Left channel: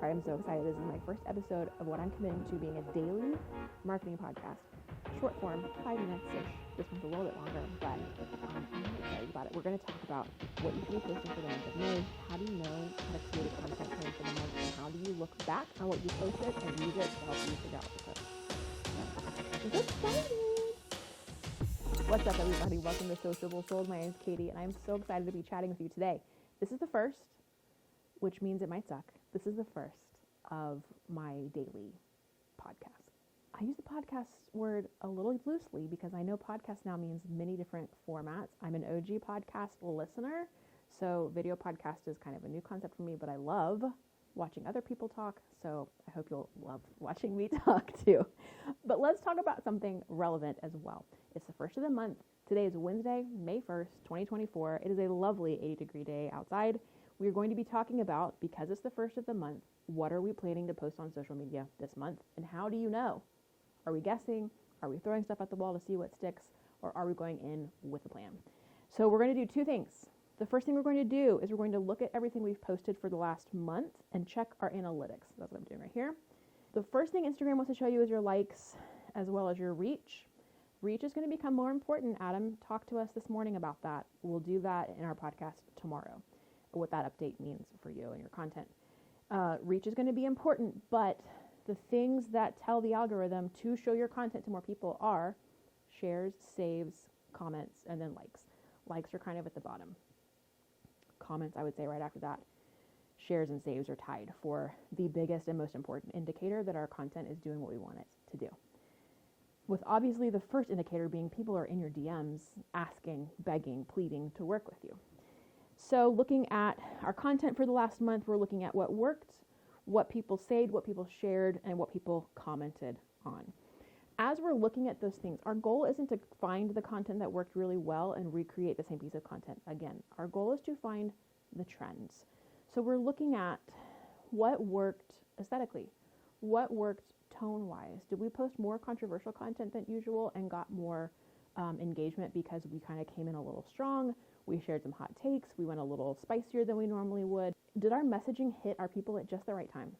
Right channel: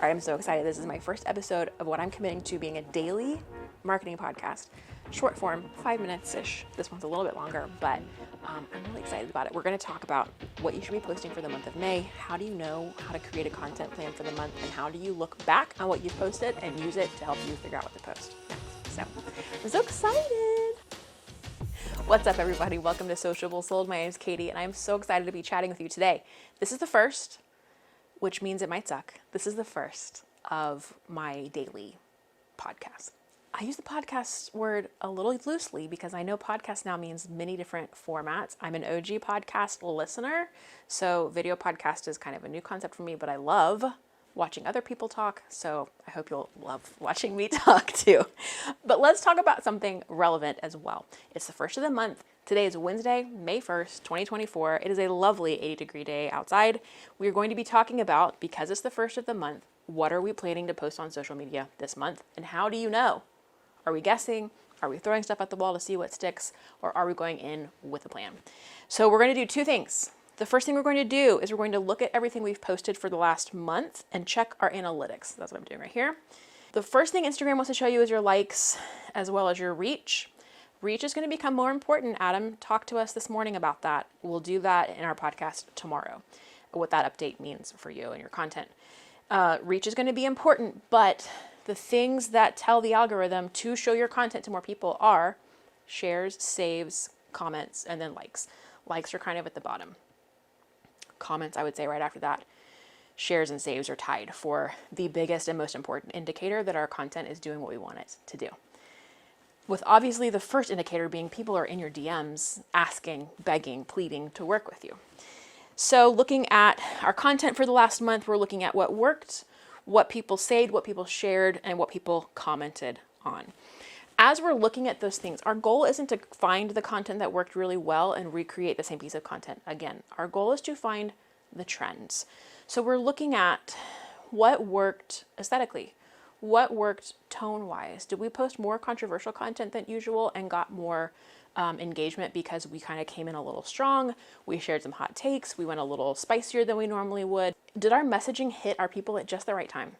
All right, I'm so excited. This is my first episode of what I'm committing to being a daily marketing podcast. Short form, 5 minutes-ish. This one's a little bit longer, but I'm really excited about it. We're going to talk about what you should be posting for the month of May. How do you know how to create a content plan for the month? And how do you look back on what you've posted and use it to help you figure out what to post? So, I'm so excited. What's up, everybody? Welcome to Sociable Sold. My name is Katie, and I'm so excited to be chatting with you today. This is the first, which means it might suck. This is the first of my daily podcast. I use the podcast word a little loosely because I know podcast now means many different formats. I'm an OG podcast listener, so video podcast is kind of a new concept for me, but I love watching other people talk, so I hope you'll love watching me talk too. But let's talk about something relevant as well. It's the first of the month. Today is Wednesday, May 1st, 2024. It is a lovely 80-degree day outside. We are going to be talking about, because it's the first of the month, what are we planning to post on social media this month, and how do you know? Are we guessing? Are we throwing stuff at the wall to see what sticks? Or are we going in with a plan? So we're going to do two things. The first thing we're going to do is we're going to look at everything we've posted for the last month and check our analytics. That's what I'm doing right here. The first thing Instagram wants to show you is your likes as well as your reach. Reach is going to become more important. Adam talked to us this morning about that. We'll do that in our podcast tomorrow, what that update means for you and your content. Reach is going to be important, but the things that tell the algorithm to show your content to more people are shares, saves, comments, and then likes. Likes are kind of at the bottom. Comments, I would say right after that. Shares and saves are tied for the biggest and most important indicator that our content is doing what we want it to do. With obviously the first indicator being people are in your DMs asking, begging, pleading to work with you. So looking at our content for the last month, we're looking at what worked, what people saved, what people shared, and what people commented on. As we're looking at those things, our goal isn't to find the content that worked really well and recreate the same piece of content again. Our goal is to find the trends. So we're looking at what worked aesthetically, what worked tone-wise. Did we post more controversial content than usual and got more engagement because we kind of came in a little strong? We shared some hot takes. We went a little spicier than we normally would. Did our messaging hit our people at just the right time?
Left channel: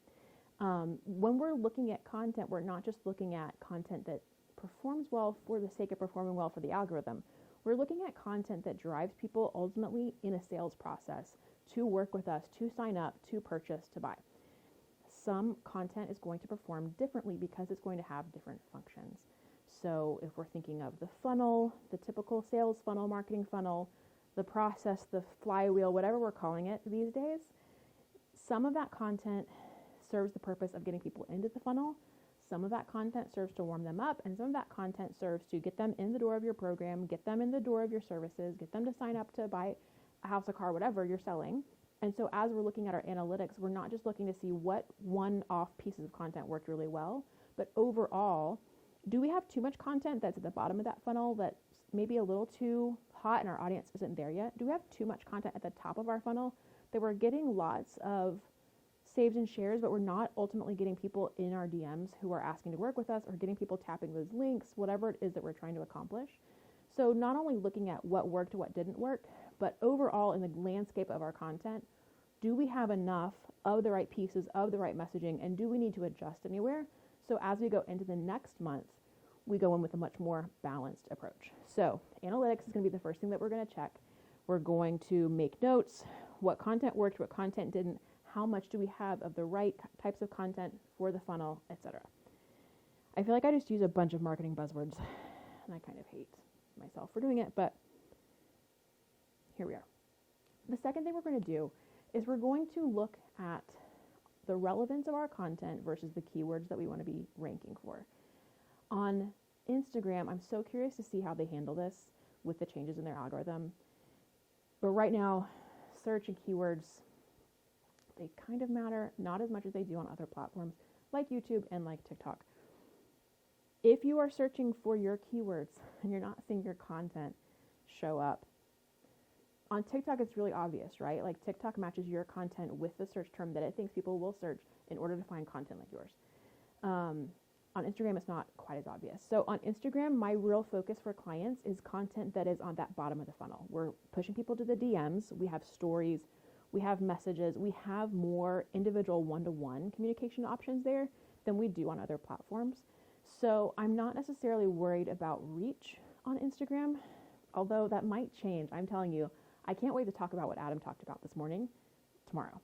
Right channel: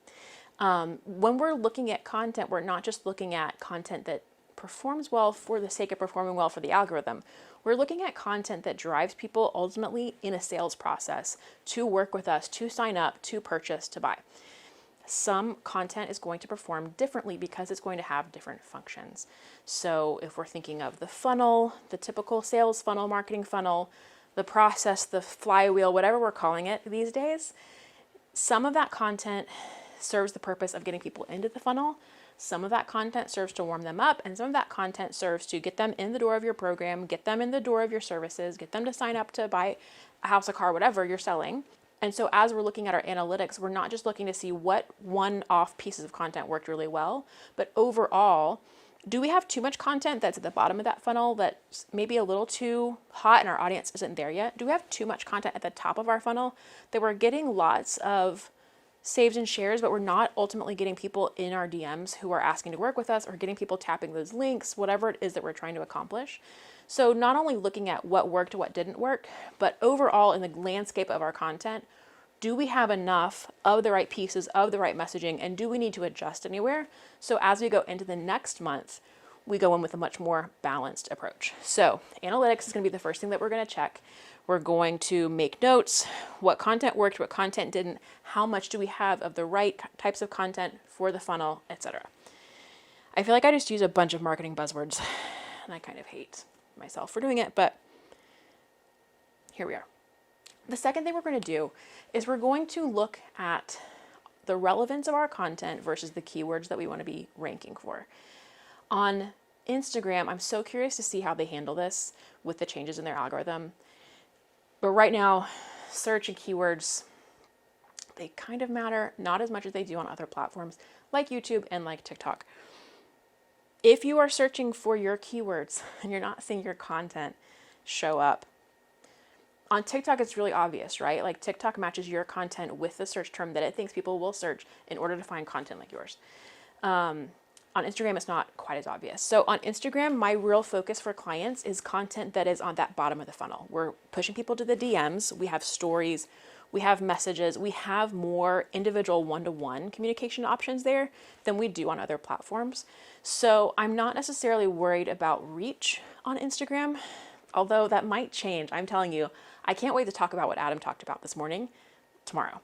When we're looking at content, we're not just looking at content that performs well for the sake of performing well for the algorithm. We're looking at content that drives people ultimately in a sales process to work with us, to sign up, to purchase, to buy. Some content is going to perform differently because it's going to have different functions. So if we're thinking of the funnel, the typical sales funnel, marketing funnel, the process, the flywheel, whatever we're calling it these days, some of that content serves the purpose of getting people into the funnel. Some of that content serves to warm them up, and some of that content serves to get them in the door of your program, get them in the door of your services, get them to sign up to buy a house, a car, whatever you're selling. And so as we're looking at our analytics, we're not just looking to see what one-off pieces of content worked really well, but overall, do we have too much content that's at the bottom of that funnel that's maybe a little too hot and our audience isn't there yet? Do we have too much content at the top of our funnel that we're getting lots of saves and shares, but we're not ultimately getting people in our DMs who are asking to work with us or getting people tapping those links, whatever it is that we're trying to accomplish? So not only looking at what worked, what didn't work, but overall in the landscape of our content, do we have enough of the right pieces, of the right messaging, and do we need to adjust anywhere? So as we go into the next month, we go in with a much more balanced approach. So analytics is going to be the first thing that we're going to check. We're going to make notes, what content worked, what content didn't, how much do we have of the right types of content for the funnel, etc. I feel like I just use a bunch of marketing buzzwords, and I kind of hate myself for doing it, but here we are. The second thing we're going to do is we're going to look at the relevance of our content versus the keywords that we want to be ranking for. On Instagram, I'm so curious to see how they handle this with the changes in their algorithm. But right now, search and keywords, they kind of matter, not as much as they do on other platforms like YouTube and like TikTok. If you are searching for your keywords and you're not seeing your content show up, on TikTok, it's really obvious, right? Like TikTok matches your content with the search term that it thinks people will search in order to find content like yours. On Instagram, it's not quite as obvious. So on Instagram, my real focus for clients is content that is on that bottom of the funnel. We're pushing people to the DMs. We have stories. We have messages. We have more individual one-to-one communication options there than we do on other platforms. So I'm not necessarily worried about reach on Instagram, although that might change. I'm telling you, I can't wait to talk about what Adam talked about this morning, tomorrow.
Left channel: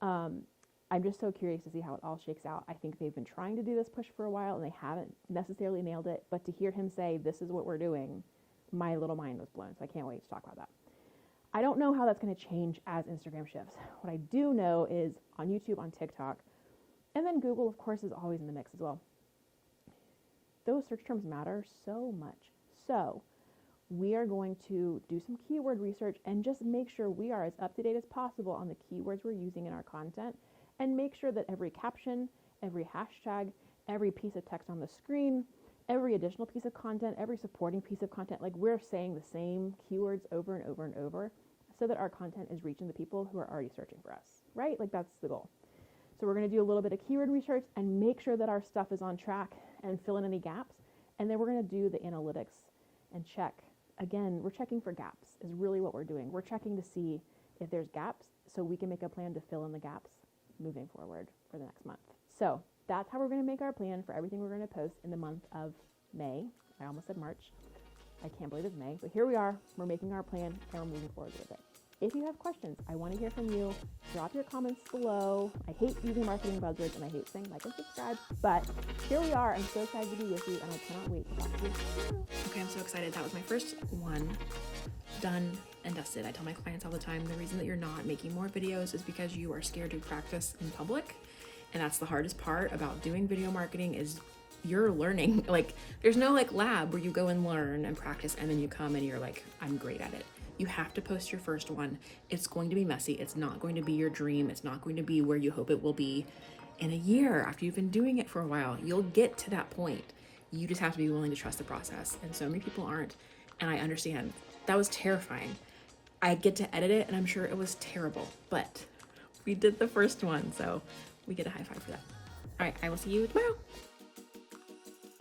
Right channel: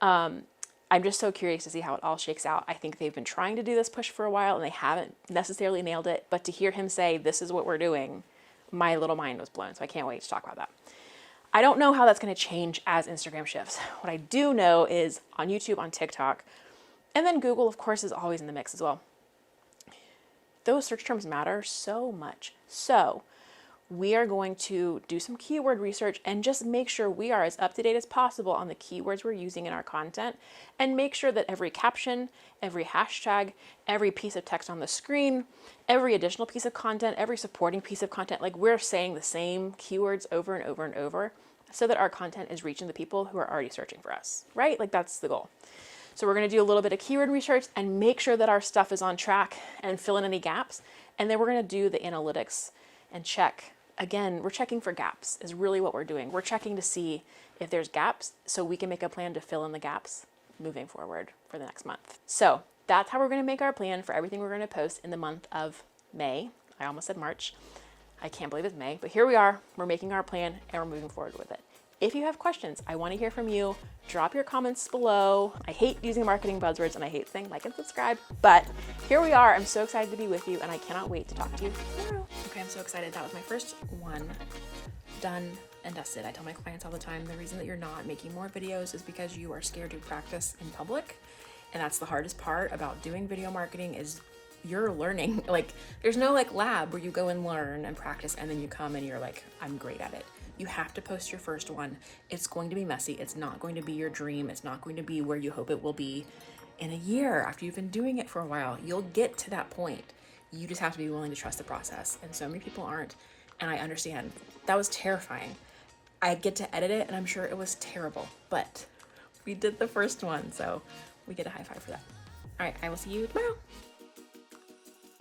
I'm just so curious to see how it all shakes out. I think they've been trying to do this push for a while and they haven't necessarily nailed it. But to hear him say, this is what we're doing, my little mind was blown. So I can't wait to talk about that. I don't know how that's going to change as Instagram shifts. What I do know is on YouTube, on TikTok, and then Google, of course, is always in the mix as well. Those search terms matter so much. So we are going to do some keyword research and just make sure we are as up to date as possible on the keywords we're using in our content, and make sure that every caption, every hashtag, every piece of text on the screen, every additional piece of content, every supporting piece of content, like we're saying the same keywords over and over and over so that our content is reaching the people who are already searching for us, right? Like that's the goal. So we're going to do a little bit of keyword research and make sure that our stuff is on track and fill in any gaps. And then we're going to do the analytics and check. Again, we're checking for gaps is really what we're doing. We're checking to see if there's gaps so we can make a plan to fill in the gaps moving forward for the next month. So that's how we're going to make our plan for everything we're going to post in the month of May. I almost said March. I can't believe it's May, but here we are. We're making our plan and we're moving forward with it. If you have questions, I want to hear from you. Drop your comments below. I hate using marketing buzzwords and I hate saying like and subscribe, but here we are. I'm so excited to be with you and I cannot wait to talk to you tomorrow. Okay, I'm so excited. That was my first one done and dusted. I tell my clients all the time, the reason that you're not making more videos is because you are scared to practice in public. And that's the hardest part about doing video marketing is you're learning. Like there's no like lab where you go and learn and practice and then you come and you're like, I'm great at it. You have to post your first one. It's going to be messy. It's not going to be your dream. It's not going to be where you hope it will be in a year after you've been doing it for a while. You'll get to that point. You just have to be willing to trust the process. And so many people aren't. And I understand. That was terrifying. I get to edit it and I'm sure it was terrible, but we did the first one. So we get a high five for that. All right, I will see you tomorrow.